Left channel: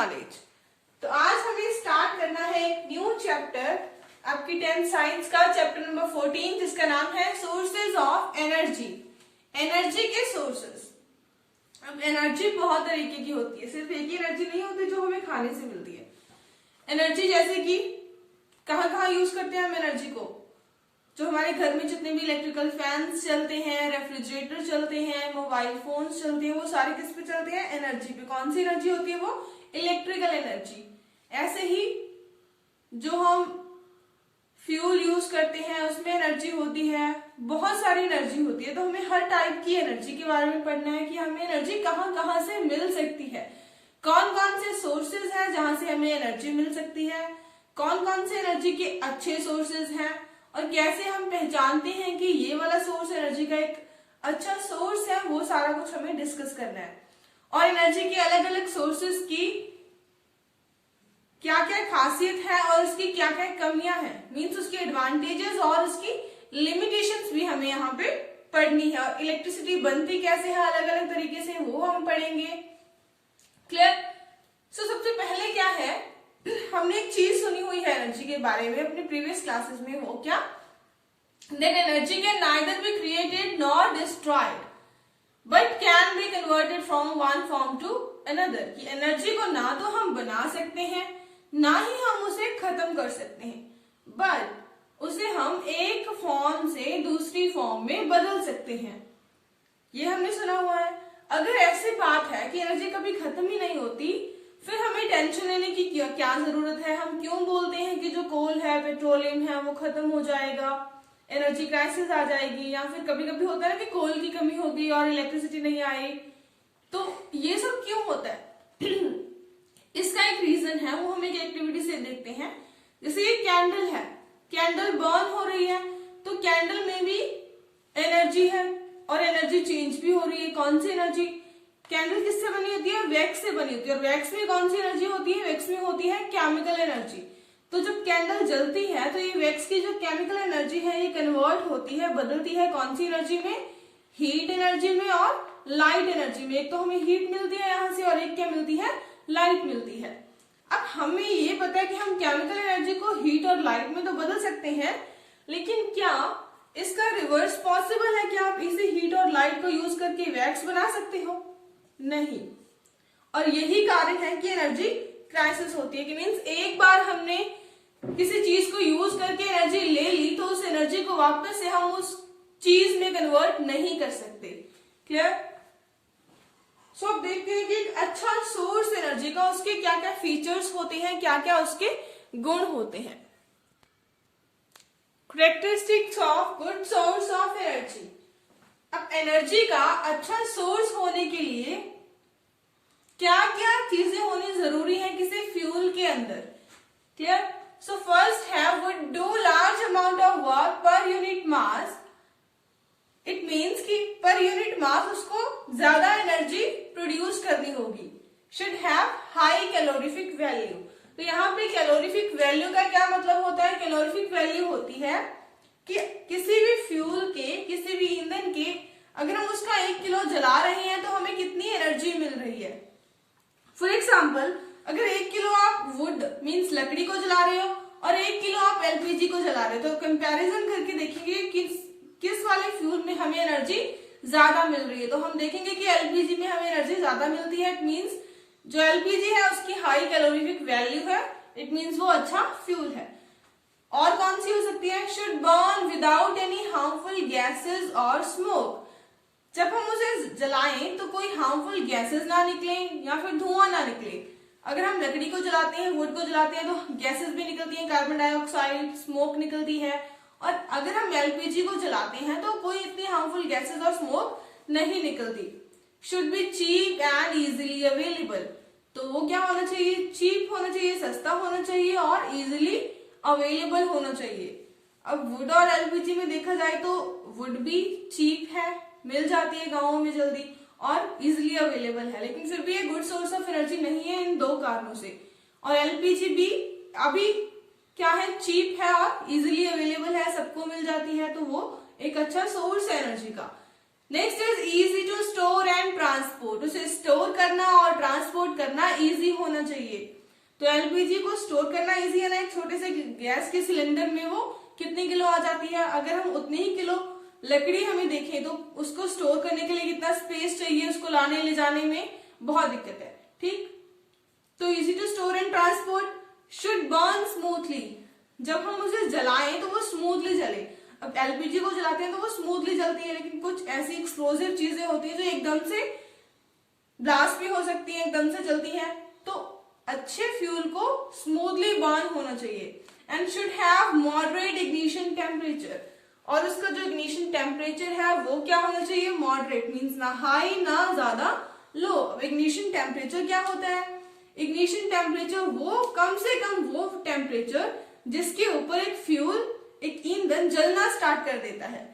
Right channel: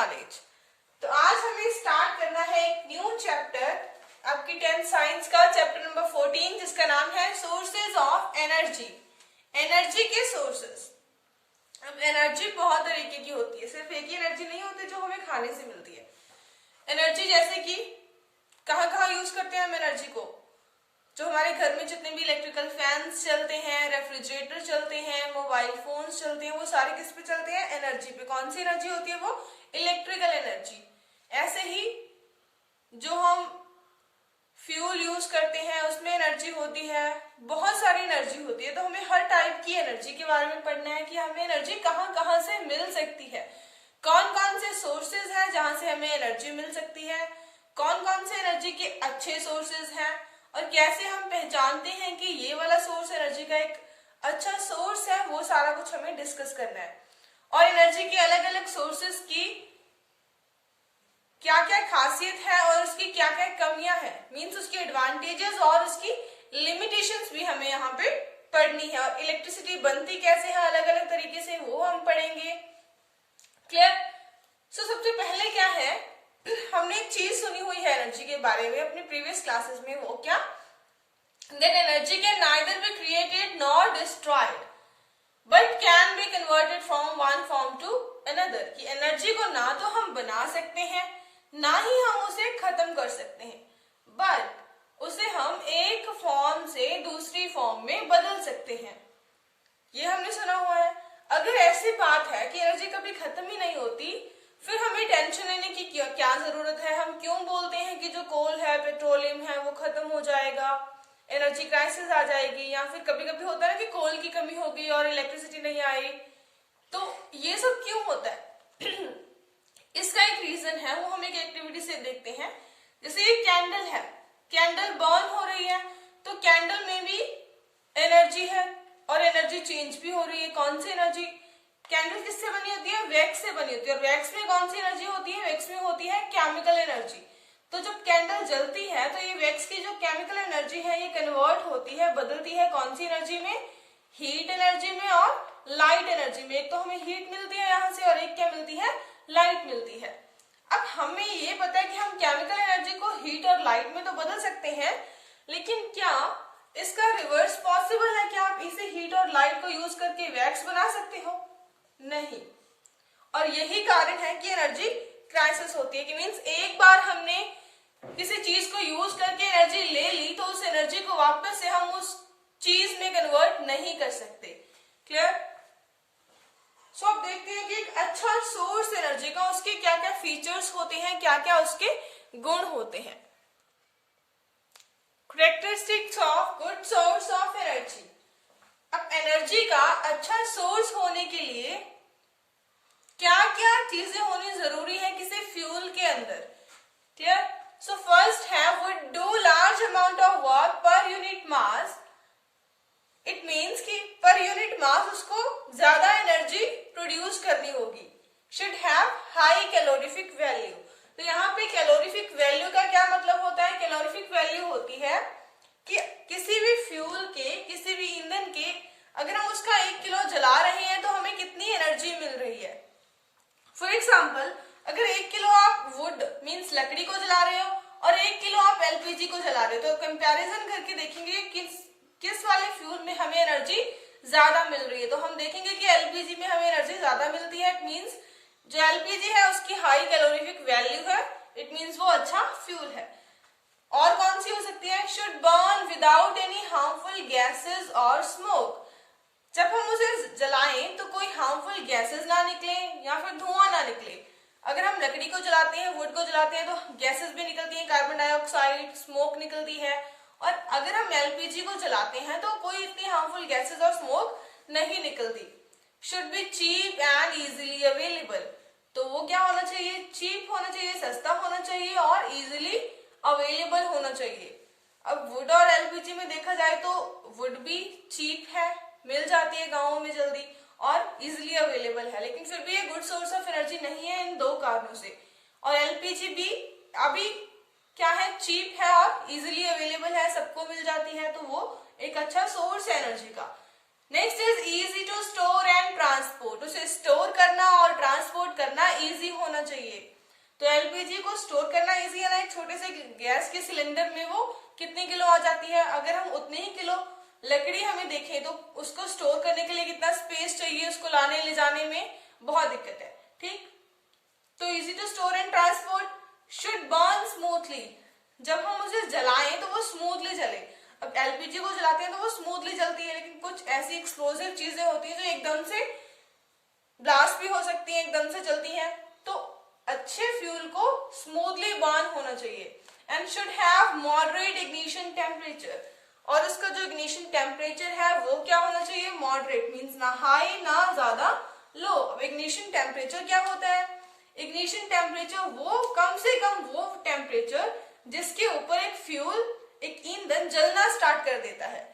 Knowledge. तो आज हमें स्टार्ट करना है एक न्यू चैप्टर, आपकी 10th साइंस का चैप्टर नंबर 14, जिसका नाम है सोर्सेज ऑफ एनर्जी। एनर्जी के सोर्सेज। अब एनर्जी बहुत तरीके की होती है, सिर्फ एक ही एनर्जी नहीं होती जो हमें खाने से मिलती है। एनर्जी जैसे कि कहाँ यूज करते हैं हम एनर्जी को, जो हमारे घर में जितने भी इलेक्ट्रिकल फैंस चलते हैं, रेफ्रिजरेटर चलते हैं, मोबाइल फोन्स चलते हैं, वो सारे किस पे चलते हैं? एनर्जी पे। कौन सी एनर्जी होती है वो? Electrical energy. ऐसे ही जो हम फ्यूल यूज करते हैं उसमें एनर्जी होती है, बहुत सारी एनर्जी होती है। तो हमें हर टाइप की एनर्जी के बारे में पढ़ना है कि हमें एनर्जी कहाँ से मिल सकती है, कौन कौन से सोर्सेज हैं जहां से हमें एनर्जी मिल सकती है, कौन कौन से एनर्जी के अच्छे सोर्सेज हैं, और कैसे हम पहचानते हैं कि ये वाला सोर्स एनर्जी का एक अच्छा सोर्स है। वो सारा कुछ हमें डिस्कस करना है। और एनर्जी के अलग अलग सोर्सेज की क्या क्या खासियत है और उसकी क्या क्या कमियां हैं, मींस उसके एडवांटेजेस और उसकी लिमिटेशंस भी हमें यहाँ पे पढ़नी है। और इलेक्ट्रिसिटी बनती कैसे है अलग अलग तरीके से, वो हम पढ़ेंगे। क्लियर? सो सबसे पहले क्या है, हमने एक चीज सुनी हुई है एनर्जी के बारे में अपने प्रीवियस क्लासेस में। वो क्या? That energy can neither be created nor destroyed but can be converted from one form to another. कि एनर्जी को ना तो हम बना सकते हैं, ना ही हम उसे खत्म कर सकते हैं, बट उसे हम एक फॉर्म से दूसरी फॉर्म में बदल सकते हैं। ये हमने सुना हुआ है। अगर ऐसी बात है कि एनर्जी कभी खत्म ही नहीं होती, फिर हमें टेंशन लेने की क्या जरूरत है? हम क्यों बोलते हैं कि जो कोल है, पेट्रोलियम है, वो खत्म हो जाएगा, एनर्जी क्राइसिस आ जाएगी, या फिर कभी कभी होता है ना कि कोल की कमी होगी और इलेक्ट्रिसिटी नहीं आई। तो ये सब क्यों होता है? इसका एक रीजन है, वो हम एक एक्टिविटी से देखते हैं। जैसे ये कैंडल है, कैंडल बर्न हो रही है, तो कैंडल में भी एनर्जी है और एनर्जी चेंज भी हो रही है। कौन सी एनर्जी? कैंडल किससे बनी होती है? वैक्स से बनी होती है। वैक्स में कौन सी एनर्जी होती है? वैक्स में होती है केमिकल एनर्जी। तो जब कैंडल जलती है तो ये वैक्स की जो केमिकल एनर्जी है ये कन्वर्ट होती है, बदलती है कौन सी एनर्जी में? हीट एनर्जी में और लाइट एनर्जी में। एक तो हमें हीट मिलती है यहाँ से और एक क्या मिलती है? लाइट मिलती है। अब हमें ये पता है कि हम केमिकल एनर्जी को हीट और लाइट में तो बदल सकते हैं, लेकिन क्या इसका रिवर्स पॉसिबल है कि आप इसी हीट और लाइट को यूज करके वैक्स बना सकते हो? नहीं। और यही कारण है कि एनर्जी क्राइसिस होती है। कि मींस एक बार हमने किसी चीज को यूज करके एनर्जी ले ली तो उस एनर्जी को वापस से हम उस चीज में कन्वर्ट नहीं कर सकते। क्लियर? सो अब देखते हैं कि एक अच्छा सोर्स एनर्जी का उसके क्या क्या फीचर्स होते हैं, क्या क्या उसके गुण होते हैं। Characteristics of good source of energy. अब एनर्जी का अच्छा सोर्स होने के लिए क्या क्या चीजें होनी जरूरी है किसी फ्यूल के अंदर? क्लियर? सो फर्स्ट है would do large amount of work per unit mass. It means कि पर यूनिट मास उसको ज्यादा एनर्जी प्रोड्यूस करनी होगी। Should have high calorific value. तो यहाँ पे कैलोरीफिक वैल्यू का क्या मतलब होता है? कैलोरीफिक वैल्यू होती है कि किसी भी फ्यूल के, किसी भी ईंधन के, अगर हम उसका 1 किलो जला रहे हैं तो हमें कितनी एनर्जी मिल रही है। फॉर एग्जाम्पल, अगर 1 किलो आप वुड मीन्स लकड़ी को जला रहे हो और 1 किलो आप एलपीजी को जला रहे हो, तो कंपैरिजन करके देखेंगे किस वाले फ्यूल में हमें एनर्जी ज्यादा मिल रही है। तो हम देखेंगे कि एलपीजी में हमें एनर्जी ज्यादा मिलती है। इट मीन्स जो एलपीजी है उसकी हाई कैलोरीफिक वैल्यू है, इट मीन्स वो अच्छा फ्यूल है। और कौन सी हो सकती है? Should burn without any harmful gases और स्मोक। जब हम उसे जलाएं तो कोई हार्मफुल गैसेस ना निकले या फिर धुआं ना निकले। अगर हम लकड़ी को जलाते हैं, वुड को जलाते हैं, तो गैसेस भी निकलती हैं, कार्बन डाइऑक्साइड, स्मोक निकलती है। और अगर हम एलपीजी को जलाते हैं तो कोई इतनी हार्मफुल गैसेस और स्मोक नहीं निकलती। Should be cheap and easily available. तो वो क्या होना चाहिए? चीप होना चाहिए, सस्ता होना चाहिए और इजीली अवेलेबल होना चाहिए। अब वुड और एलपीजी में देखा जाए तो वुड भी चीप है, मिल जाती है गाँवों में जल्दी, और इजिली अवेलेबल है, लेकिन फिर भी ये गुड सोर्स ऑफ एनर्जी नहीं है इन 2 कारणों से। और एलपीजी भी अभी क्या है? चीप है और इजिली अवेलेबल है, सबको मिल जाती है, तो वो एक अच्छा सोर्स है एनर्जी का। Next is easy to store and transport, उसे स्टोर करना और ट्रांसपोर्ट करना इजी होना चाहिए। तो एलपीजी को स्टोर करना इजी है ना, एक छोटे से गैस के सिलेंडर में वो कितने किलो आ जाती है, अगर हम उतने ही किलो लकड़ी हमें देखें तो उसको स्टोर करने के लिए कितना स्पेस चाहिए, उसको लाने ले जाने में बहुत दिक्कत है, ठीक। तो easy to store and transport, should burn smoothly, जब हम उसे जलाएं तो वो स्मूथली जले। अब एलपीजी को जलाते हैं तो वो स्मूथली जलती है, लेकिन कुछ ऐसी एक्सप्लोसिव चीजें होती हैं जो एकदम से ब्लास्ट भी हो सकती हैं, एकदम से जलती हैं। तो अच्छे फ्यूल को स्मूथली बर्न होना चाहिए and should have moderate ignition temperature, और उसका जो इग्निशन टेम्परेचर है वो क्या होना चाहिए, मॉडरेट, मींस ना हाई ना ज्यादा लो। अब इग्निशन टेम्परेचर क्या होता है, इग्निशन टेम्परेचर वो कम से कम वो टेम्परेचर जिसके ऊपर एक फ्यूल, एक ईंधन जलना स्टार्ट कर देता है।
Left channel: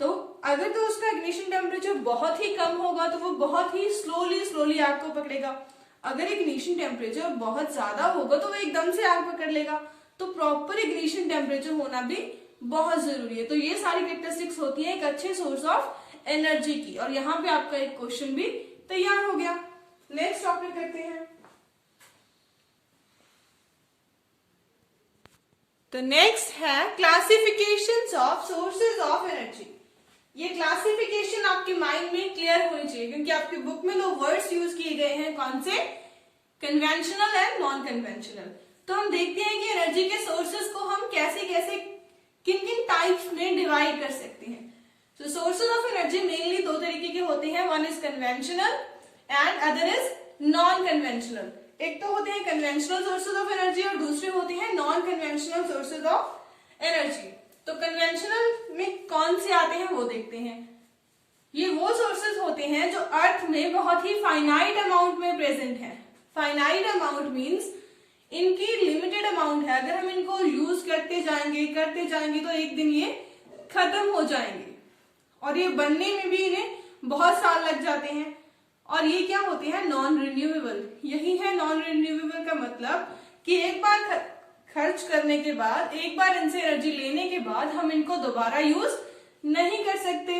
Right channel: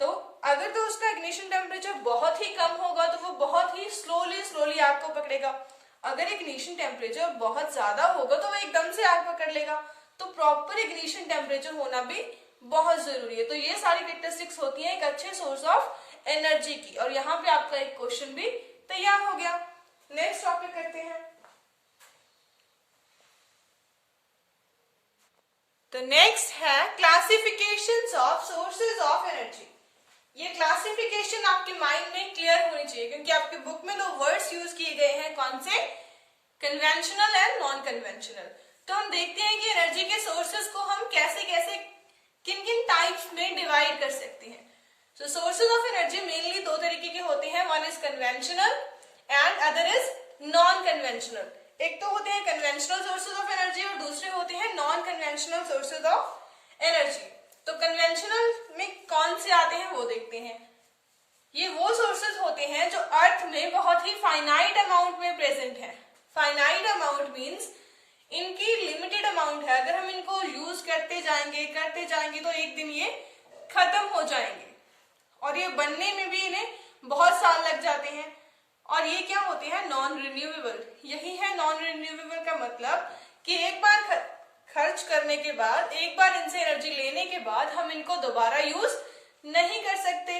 तो अगर तो उसका इग्निशन टेम्परेचर बहुत ही कम होगा तो वो बहुत ही स्लोली आग को पकड़ेगा, अगर इग्निशन टेम्परेचर बहुत ज्यादा होगा तो वो एकदम से आग पकड़ लेगा। तो प्रॉपर इग्निशन टेम्परेचर होना भी बहुत जरूरी है। तो ये सारी कैरेक्टरिस्टिक्स होती है एक अच्छे सोर्स ऑफ एनर्जी की, और यहाँ पे आपका एक क्वेश्चन भी तैयार हो गया। नेक्स्ट टॉपिक करते हैं। तो नेक्स्ट है classifications of sources of energy. ये क्लासिफिकेशन आपके माइंड में क्लियर होनी चाहिए, क्योंकि आपकी बुक में दो वर्ड्स यूज किए गए हैं, कौन से, कन्वेंशनल एंड नॉन कन्वेंशनल। तो हम देखते हैं कि एनर्जी के सोर्सेज को हम कैसे कैसे किन किन टाइप्स में डिवाइड कर सकते हैं। सो सोर्सेज ऑफ एनर्जी मेनली दो तरीके के होते हैं, one is conventional and other is non conventional. एक तो होते हैं कन्वेंशनल सोर्सेज ऑफ एनर्जी और दूसरे होते हैं non conventional sources of energy. तो कन्वेंशनल में कौन से आते हैं वो देखते हैं। ये वो सोर्सेज होते हैं जो अर्थ में बहुत ही फाइनाइट अमाउंट में प्रेजेंट है। फाइनाइट अमाउंट मींस इनकी लिमिटेड अमाउंट है, अगर हम इनको यूज करते जाएंगे तो एक दिन ये खत्म हो जाएंगे, और ये बनने में भी इन्हें बहुत साल लग जाते हैं। और ये क्या होते हैं, नॉन रिन्यूएबल। यही है नॉन रिन्यूएबल का मतलब कि एक बार खर्च करने के बाद, एक बार इनसे एनर्जी लेने के बाद हम इनको दोबारा यूज नहीं कर सकते।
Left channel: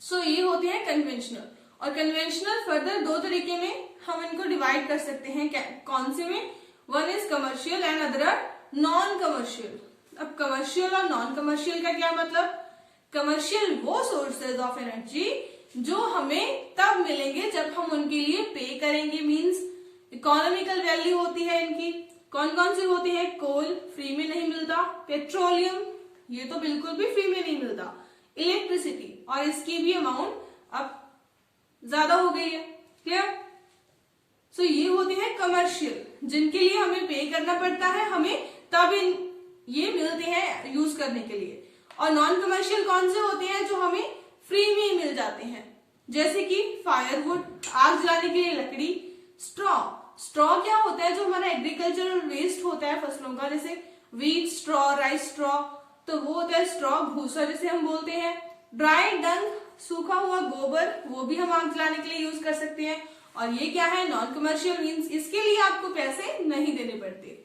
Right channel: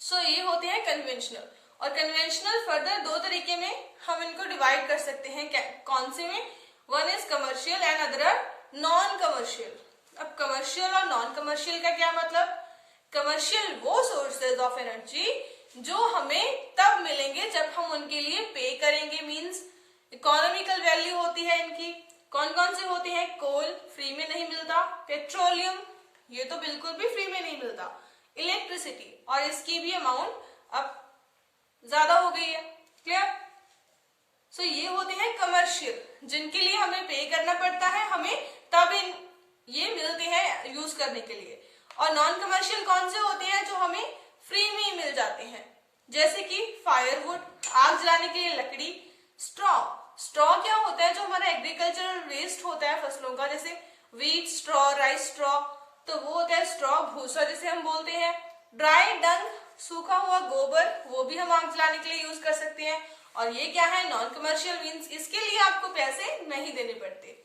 सो ये होते हैं कन्वेंशनल। और कन्वेंशनल फर्दर दो तरीके में हम इनको डिवाइड कर सकते हैं, कौन से में, one is commercial and other non commercial. अब कमर्शियल और नॉन कमर्शियल का क्या मतलब, कमर्शियल वो सोर्सेज ऑफ एनर्जी जो हमें तब मिलेंगे जब हम उनके लिए पे करेंगे, मींस इकोनॉमिकल वैल्यू होती है इनकी। कौन कौन सी होती है, कोल फ्री में नहीं मिलता, पेट्रोलियम ये तो बिल्कुल भी फ्री में नहीं मिलता, इलेक्ट्रिसिटी, और इसकी भी अमाउंट अब ज्यादा हो गई है, क्लियर। सो ये होते हैं कमर्शियल, जिनके लिए हमें पे करना पड़ता है, हमें तब ये मिलते हैं यूज करने के लिए। और नॉन कमर्शियल कौन से होते हैं, जो हमें फ्री में मिल जाते हैं, जैसे कि फायरवुड, आग जलाने के लिए लकड़ी, स्ट्रॉ क्या होता है, जो हमारा एग्रीकल्चरल वेस्ट होता है फसलों का, जैसे व्हीट स्ट्रॉ, राइस स्ट्रॉ, तो वो होता है स्ट्रॉ, भूसा जिसे हम बोलते हैं। ड्राई डंग, सूखा हुआ गोबर, वो भी हम आग जलाने के लिए यूज कर सकते हैं। और ये क्या है, नॉन कमर्शियल, मींस इसके लिए आपको पैसे नहीं देने पड़ते।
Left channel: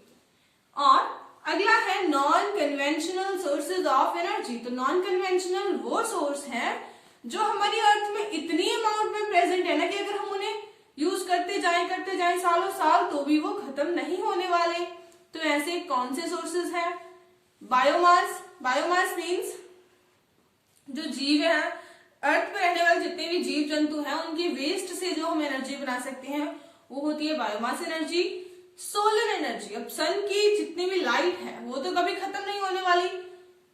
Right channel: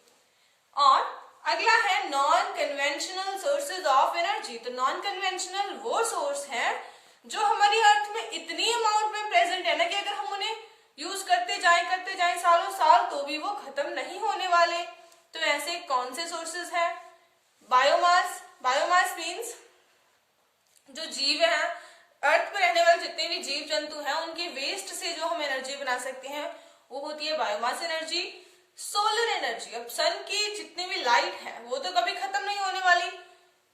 और अगला है non conventional sources of energy. तो नॉन कन्वेंशनल वो सोर्स है जो हमारी अर्थ में इतनी अमाउंट में प्रेजेंट है ना कि अगर हम उन्हें यूज करते जाएं सालों साल तो भी वो खत्म नहीं होने वाले। तो ऐसे कौन से सोर्सेज हैं, बायोमास मीन्स जो जीव है, अर्थ पर रहने वाले जितने भी जीव जंतु हैं, उनके वेस्ट से जो हम एनर्जी बना सकते हैं वो होती है बायोमास एनर्जी। सोलर एनर्जी, अब सन की जितनी भी लाइट है वो तो कभी खत्म नहीं होने वाली,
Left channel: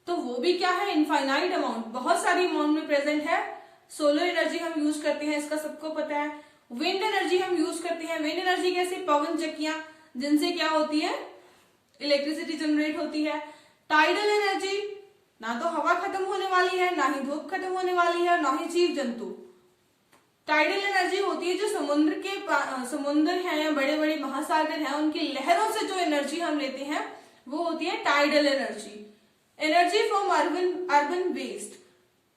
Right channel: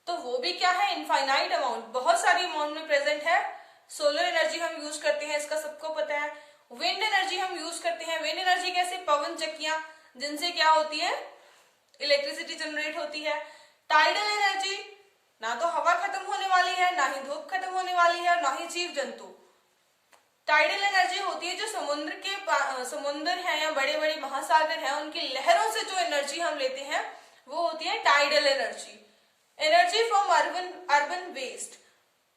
तो वो भी क्या है, इनफाइनाइट अमाउंट, बहुत सारी अमाउंट में प्रेजेंट है। सोलर एनर्जी हम यूज करते हैं, इसका सबको पता है। विंड एनर्जी हम यूज करते हैं, विंड एनर्जी कैसे, पवन चक्कियां, जिनसे क्या होती है, इलेक्ट्रिसिटी जनरेट होती है। टाइडल एनर्जी, ना तो हवा खत्म होने वाली है, ना ही धूप खत्म होने वाली है, ना ही जीव जंतु। टाइडल एनर्जी होती है जो समुद्र है या बड़े बड़े महासागर हैं, उनकी लहरों से जो एनर्जी हम लेते हैं वो होती है tidal energy. Energy from urban waste,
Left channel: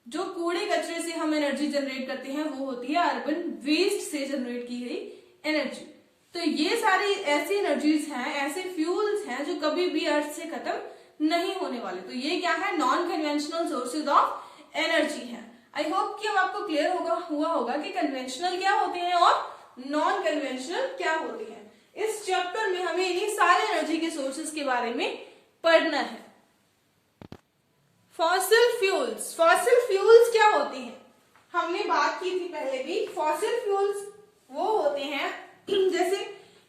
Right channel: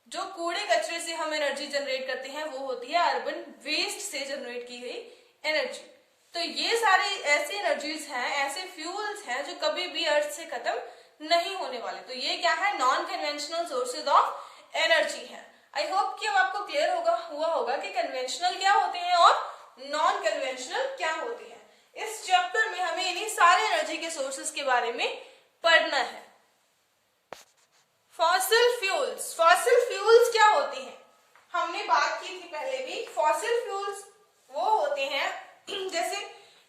जो कूड़े कचरे से हम एनर्जी जनरेट करते हैं वो होती है अर्बन वेस्ट से जनरेट की गई एनर्जी। तो ये सारी ऐसी एनर्जीज हैं, ऐसे फ्यूल्स हैं जो कभी भी अर्थ से खत्म नहीं होने वाले। तो ये क्या है, non conventional sources of energy है। आई होप कि अब आपको क्लियर हुआ होगा कि कन्वेंशनल क्या होते हैं और नॉन कन्वेंशनल क्या होते हैं। इस चैप्टर में हमें इन्हीं सारे एनर्जी के सोर्सेस के बारे में पढ़ना है। फॉसिल फ्यूल्स क्या होते हैं? हमने बात की थी पहले भी। फॉसिल फ्यूल्स वो होते हैं जैसे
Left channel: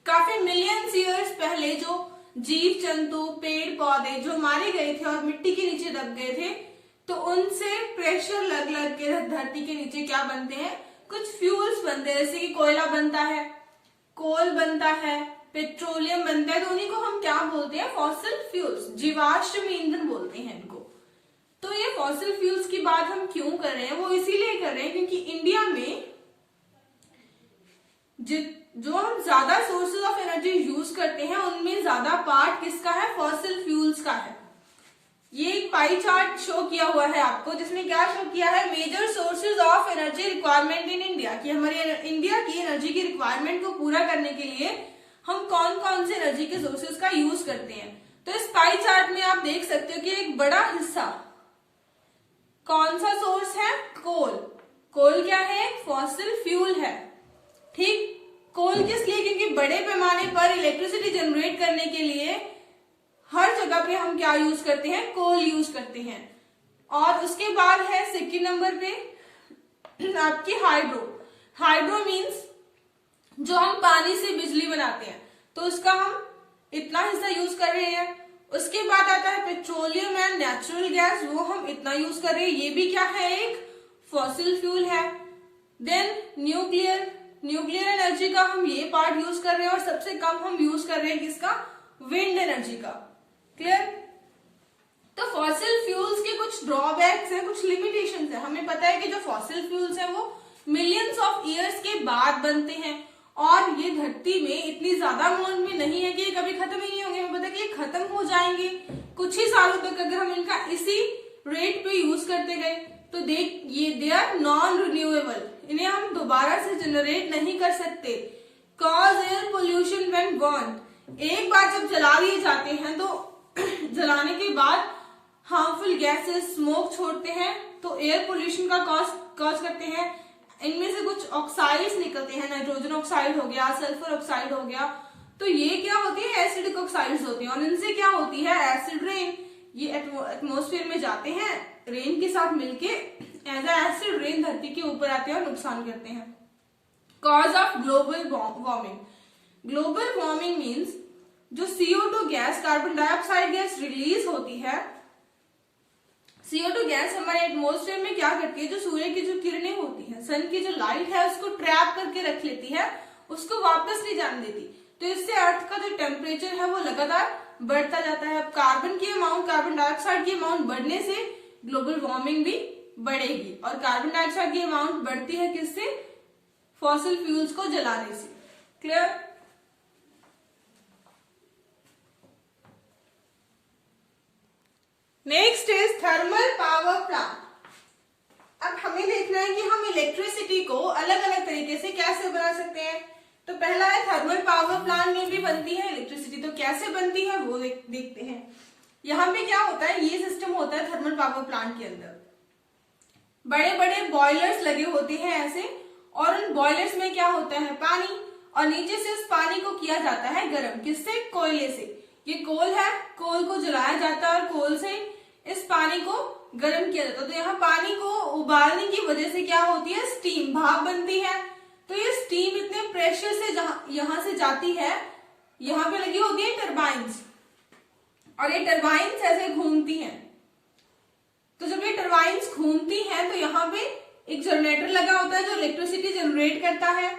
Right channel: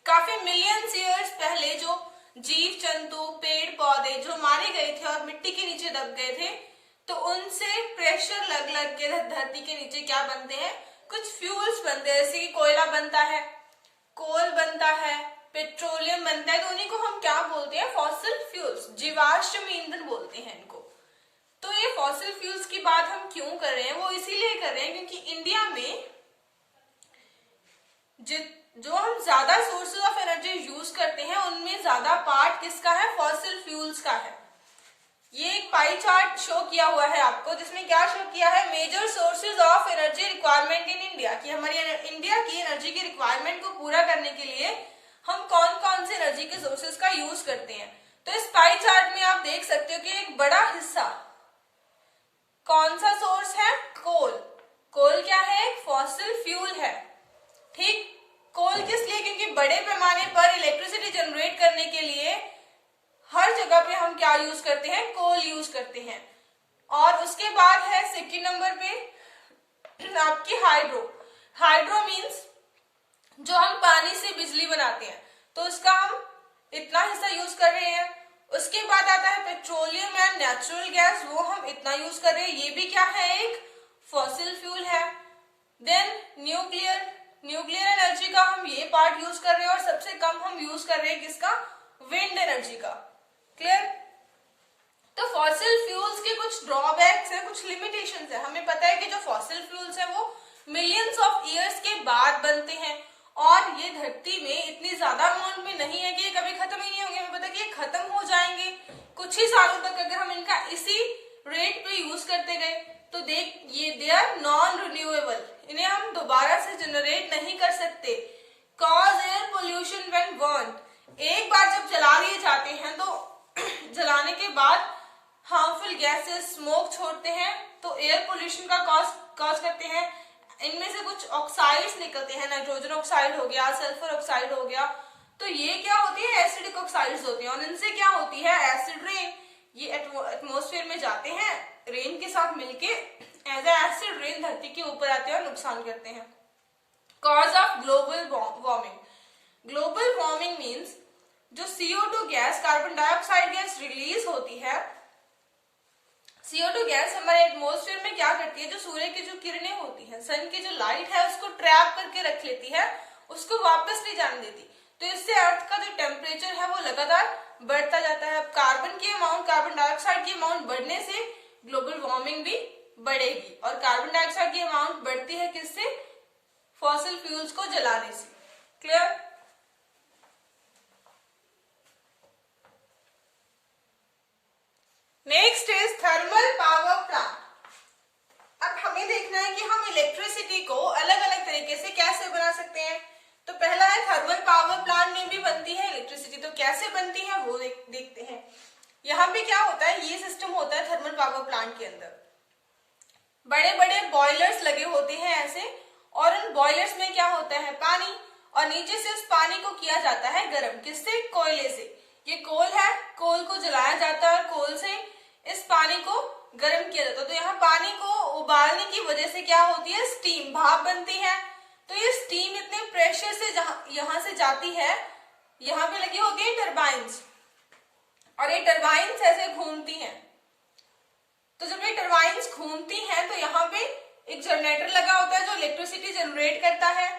काफी मिलियंस ईयर्स पहले जो जीव जंतु पेड़ पौधे जो मारे गए थे और मिट्टी के नीचे दब गए थे, तो उनसे प्रेशर लग लग के धरती के नीचे क्या बनते हैं, कुछ फ्यूल्स बनते हैं। जैसे कि कोयला बनता है, कोल बनता है, पेट्रोलियम बनता है, तो उन्हीं को हम क्या बोलते हैं, फॉसिल फ्यूल्स, जीवाश्म ईंधन बोलते हैं इनको। तो ये फॉसिल फ्यूल्स की बात हम क्यों कर रहे हैं, वो इसीलिए कर रहे हैं क्योंकि इंडिया में जो हम ज्यादा सोर्सेज ऑफ एनर्जी यूज करते हैं उनमें ज्यादा पार्ट किसका है, फॉसिल फ्यूल्स का है। ये एक पाई चार्ट शो किया हुआ है आपको, जिसमें क्या शो किया है, major sources of energy requirement in India, कि हमारी इंडिया की एनर्जी की रिक्वायरमेंट को पूरा करने के लिए हम कौन कौन से एनर्जी के सोर्सेज का यूज करते हैं। तो इस पाई चार्ट में आप देख सकते हो कि एक बड़ा हिस्सा कौन सा सोर्स है, कोल। कोल क्या है, फॉसिल फ्यूल है। ठीक, कोल किस लिए, क्योंकि बड़े पैमाने पर इलेक्ट्रिसिटी जनरेट करने के लिए हर जगह पे हम क्या यूज करते हैं, कोल यूज करते हैं। और उसके बाद है सेकंड नंबर पे आपकी हाइड्रो। हाइड्रो मींस जो हम पानी से बिजली बनाते हैं, तो उसका हम इतना हिस्सा यूज कर रहे हैं। उसके बाद आता है पेट्रोलियम एंड नेचुरल गैस, वो हम इतना यूज कर रहे हैं, ये भी क्या है, एक फॉसिल फ्यूल है। देन न्यूक्लियर एनर्जी का हम ये पार्ट यूज कर रहे हैं, और सबसे कम हम यूज कर रहे हैं किसका, विंड एनर्जी का। क्लियर? तो फॉसिल फ्यूल्स के कुछ ड्रॉबैक्स हैं, कुछ लिमिटेशंस हैं। हमें पता है कि जो फॉसिल फ्यूल्स हैं वो मिलियंस ऑफ ईयर्स के बाद बनते हैं, और ये धरती में इतनी ज्यादा अमाउंट में नहीं है कि ये कभी खत्म ही नहीं होंगे। हमें पता है कि ये खत्म हो जाएंगे कुछ ही सालों तक अगर हम इनका इसी रेट पे यूज करते गए। तो दे आर नॉन रिन्यूएबल, इन्हें हम दोबारा से जनरेट नहीं कर सकते। Cause air pollution when burn, एक बार जब जला दिए जाते हैं तो जलाने के बाद हार्मफुल गैसेस, स्मोक छोड़ते हैं, तो एयर पोल्यूशन का कॉज करते हैं। इनमें से कुछ ऑक्साइड्स निकलते हैं, नाइट्रोजन ऑक्साइड हो गया, सल्फर ऑक्साइड हो गया, तो ये क्या होती है, एसिडिक ऑक्साइड्स होती हैं, और इनसे क्या होती है, एसिड रेन। ये एटमॉस्फेयर में जाते हैं, रेन के साथ मिलके एज एसिड रेन धरती के ऊपर आते हैं और नुकसान करते हैं। Cause of global warming. Global warming means जो CO2 gas, carbon dioxide gas release होती है। CO2 गैस हमारे एटमॉस्फेयर में क्या करती है, जो सूर्य की जो किरणें होती हैं, सन की जो लाइट है, उसको ट्रैप करके रख लेती है, उसको वापस नहीं जाने देती। तो इससे अर्थ का जो टेम्परेचर है वो लगातार बढ़ता जाता है। अब कार्बन की अमाउंट, कार्बन डाइऑक्साइड की अमाउंट बढ़ने से ग्लोबल वार्मिंग भी बढ़ेगी, और कार्बन डाइऑक्साइड की अमाउंट बढ़ती है किससे, फॉसिल फ्यूल्स को जलाने से। Clear? Next is thermal power plant. अब हमें देखना है कि हम इलेक्ट्रिसिटी को अलग अलग तरीके से कैसे बना सकते हैं। तो पहला है थर्मल पावर प्लांट में भी बनती है इलेक्ट्रिसिटी, तो कैसे बनती है वो देखते हैं। यहाँ पे क्या होता है, ये सिस्टम होता है थर्मल पावर प्लांट के अंदर, बड़े बड़े बॉयलर्स लगे होते हैं ऐसे, और उन बॉयलर्स में क्या होता है, पानी, और नीचे से उस पानी को किया जाता है गर्म, किससे, कोयले से। ये कोल है, कोल को जलाया जाता है और कोल से इस पानी को गर्म किया जाता है। तो यहाँ पानी को उबालने की वजह से क्या होती है, स्टीम, भाप बनती है। तो ये स्टीम इतने प्रेशर से यहाँ से जाती है, यहाँ पे लगी होती है टरबाइन्स, और ये टरबाइन्स ऐसे घूमती हैं। तो जब ये टरबाइन्स घूमती हैं तो यहाँ पे एक जनरेटर लगा होता है जो इलेक्ट्रिसिटी जनरेट करता है,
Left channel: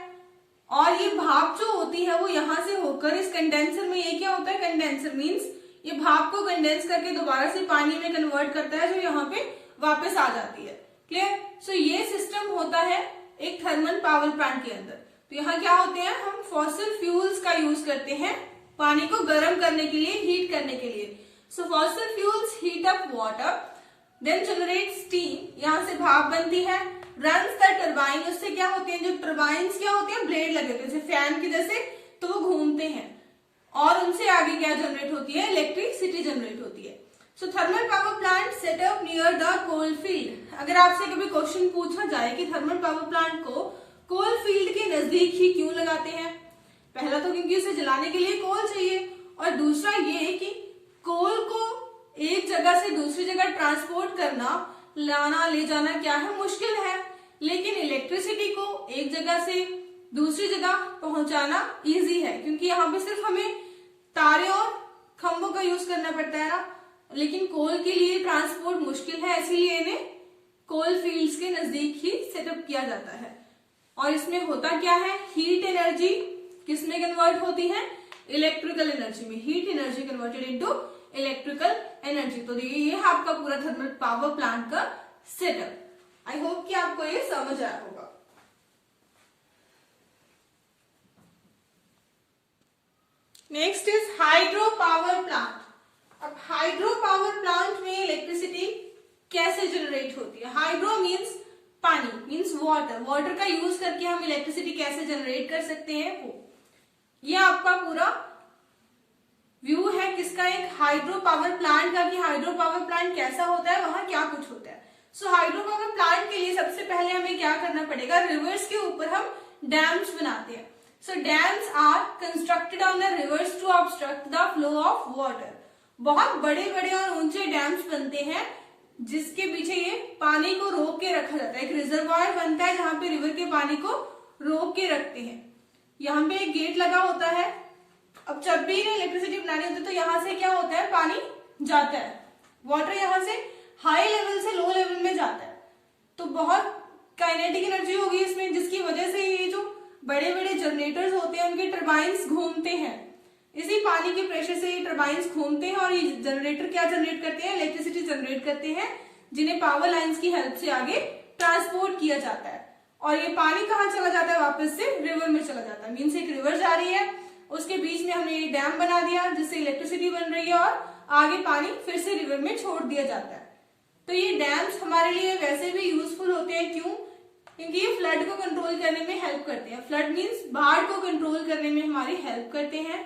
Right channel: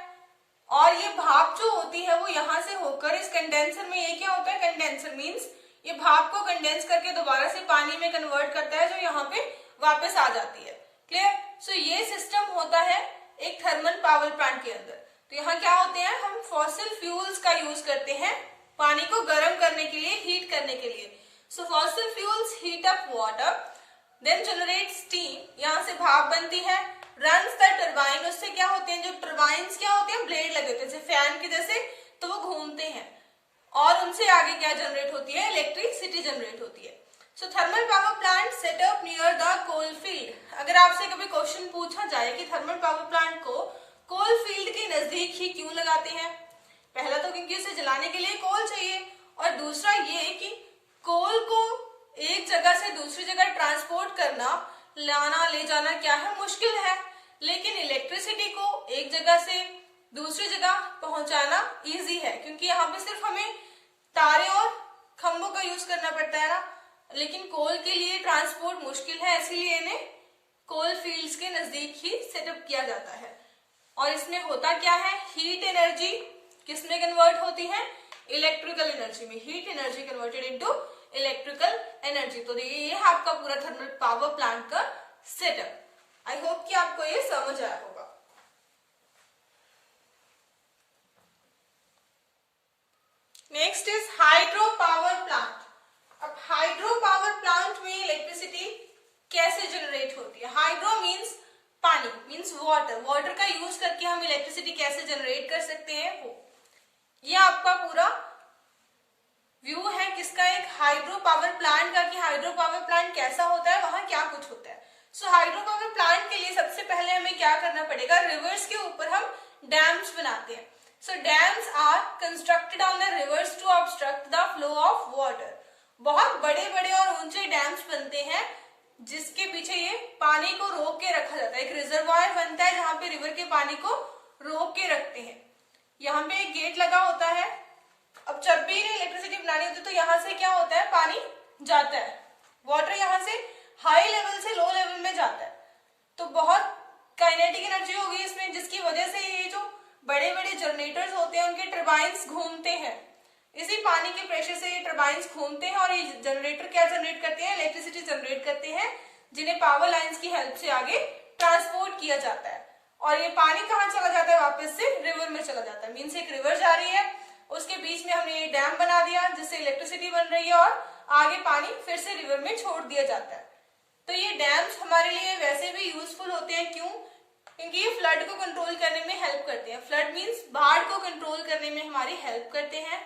और ये भाप जो होती है वो यहाँ से होकर इस कंडेंसर में, ये क्या होता है, कंडेंसर मींस ये भाप को कंडेंस करके दोबारा से पानी में कन्वर्ट करता है, जो यहाँ पे वापस आ जाती है। क्लियर? सो ये सिस्टम होता है एक थर्मल पावर प्लांट के अंदर। तो यहाँ क्या होते हैं, हम फॉसिल फ्यूल्स का यूज करते हैं पानी को गर्म करने के लिए, हीट करने के लिए। So fossil fuels heat up water, then generate steam, यहाँ से भाप बनती है, रन्स द टरबाइन, उससे क्या होते हैं, जो टरबाइन्स क्या होते हैं, ब्लेड लगे होते हैं जैसे फैन की जैसे, तो वो घूमते हैं, और उनसे आगे क्या जनरेट होती है, इलेक्ट्रिसिटी जनरेट होती है। So thermal power plant set up near the coal field. अगर आपसे कभी क्वेश्चन पूछा जाए कि थर्मल पावर प्लांट को कोल फील्ड के नजदीक ही क्यों लगाते हैं, पहला तो क्योंकि उसे जलाने के लिए कोल चाहिए, और दूसरा ये कि कोल को एक जगह से दूसरी जगह ट्रांसपोर्ट करना, लाना ले जाना क्या है, मुश्किल है, लेकिन इलेक्ट्रिसिटी को एक जगह से दूसरी जगह पहुंचाना इजी है, क्योंकि यहाँ पे सिर्फ हमें तारे और खंभों का यूज करना पड़ता है ना, लेकिन कोल के लिए ट्रांसपोर्ट मुश्किल है, इसीलिए इन्हें कोल फील्ड्स के नजदीक ही सेटअप किया जाता है। और इसमें होता क्या है, हीट एनर्जी किसमें कन्वर्ट होती है, इलेक्ट्रिकल एनर्जी में, heat energy converted into electrical energy. तो ये है आपका पूरा थर्मल पावर प्लांट का सेटअप। आई होप कि आपको ये समझ आया होगा। Next is hydro power plant. अब हाइड्रो पावर प्लांट में इलेक्ट्रिसिटी कैसे जनरेट होती है। हाइड्रो मीन्स पानी, मीन्स वाटर, वाटर का यूज करके हम इलेक्ट्रिसिटी कैसे जनरेट कर सकते हैं वो, ये आपका पूरा व्यू है किसका, एक हाइड्रो पावर प्लांट का, कि हाइड्रो पावर प्लांट कैसा होता है, वहां क्या कुछ होता है। सो हाइड्रो पावर प्लांट के लिए सबसे पहले हमें क्या करना पड़ेगा, रिवर्स के ऊपर हम डैम्स बनाते हैं। So dams are constructed on the rivers to obstruct the flow of water. बहुत बड़े बड़े और ऊंचे डैम्स बनते हैं जिसके पीछे ये पानी को रोक के रखा जाता है, एक रिजर्वायर बनता है जहां पे रिवर के पानी को रोक के रखते हैं। यहाँ पे एक गेट लगा होता है। अब जब भी इलेक्ट्रिसिटी बनानी होती है तो यहाँ से क्या होता है, पानी जाता है, वाटर यहाँ से हाई लेवल से लो लेवल में जाता है, तो बहुत काइनेटिक एनर्जी होगी इसमें, जिसकी वजह से ये जो बड़े बड़े जनरेटर्स होते हैं उनके टर्बाइंस घूमते हैं, इसी पानी के प्रेशर से ये टर्बाइंस घूमते हैं और ये जनरेटर क्या जनरेट करते हैं, इलेक्ट्रिसिटी जनरेट करते हैं, जिन्हें पावर लाइंस की हेल्प से आगे ट्रांसपोर्ट किया जाता है। और ये पानी कहाँ चला जाता है, वापस से रिवर में चला जाता है। मीन्स एक रिवर जा रही है, उसके बीच में हमने ये डैम बना दिया जिससे इलेक्ट्रिसिटी बन रही है, और आगे पानी फिर से रिवर में छोड़ दिया जाता है। तो ये डैम्स हमारे लिए वैसे भी यूजफुल होते हैं, क्यों, क्योंकि ये फ्लड को कंट्रोल करने में हेल्प करते हैं। फ्लड मीन्स बाढ़ को कंट्रोल करने में हमारी हेल्प करते हैं।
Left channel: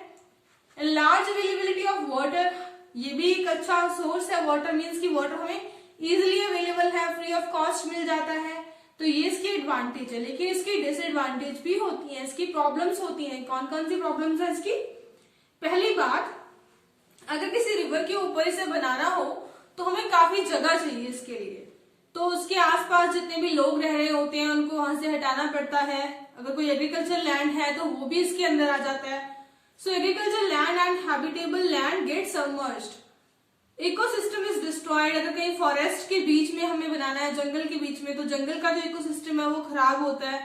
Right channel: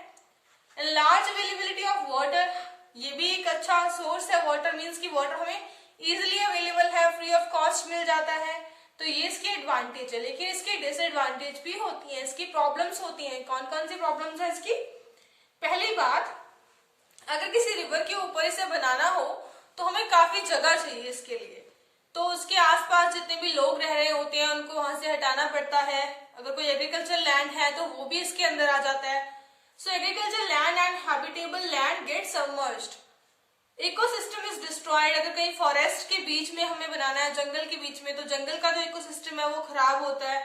लार्ज अवेलेबिलिटी ऑफ वाटर, ये भी एक अच्छा सोर्स है। वाटर मीन्स की वाटर हमें इजिली अवेलेबल है, फ्री ऑफ कॉस्ट मिल जाता है, तो ये इसकी एडवांटेज है। लेकिन इसकी डिसएडवांटेज भी होती है, इसकी प्रॉब्लम्स होती हैं। कौन कौन सी प्रॉब्लम्स है इसकी, पहली बात, अगर किसी रिवर के ऊपर इसे बनाना हो तो हमें काफी जगह चाहिए इसके लिए, तो उसके आसपास जितने भी लोग रह रहे होते हैं उनको वहां से हटाना पड़ता है। अगर कोई एग्रीकल्चर लैंड है तो वो भी इसके अंदर आ जाता है। So agriculture land and habitable land get submerged, ecosystem is destroyed. अगर कहीं फॉरेस्ट के बीच में हमें बनाना है, जंगल के बीच में, तो जंगल का जो इकोसिस्टम है वो खराब होता है।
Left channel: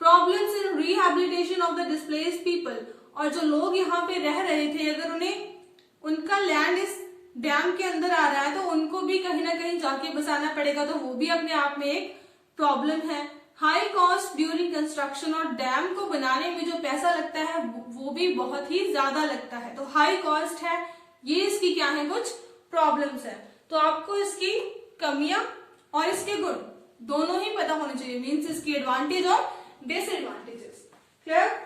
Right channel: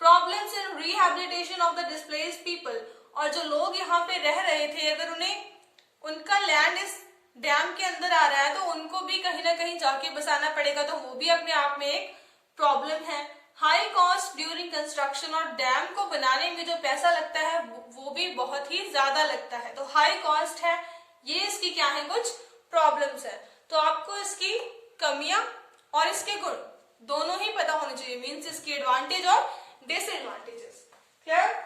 Problems in rehabilitation of the displaced people, और जो लोग यहाँ पे रह रहे थे अगर उन्हें उनका लैंड इस डैम के अंदर आ रहा है तो उनको भी कहीं ना कहीं जाके बसाना पड़ेगा, तो वो भी अपने आप में एक प्रॉब्लम है। हाई कॉस्ट ड्यूरिंग कंस्ट्रक्शन, और डैम को बनाने में जो पैसा लगता है वो भी बहुत ही ज्यादा लगता है, तो हाई कॉस्ट है। ये इसकी क्या है, कुछ प्रॉब्लम्स है। तो आपको इसकी कमियां और इसके गुण दोनों ही पता होने चाहिए, मीन्स इसकी एडवांटेज और डिसएडवांटेजेस। क्लियर।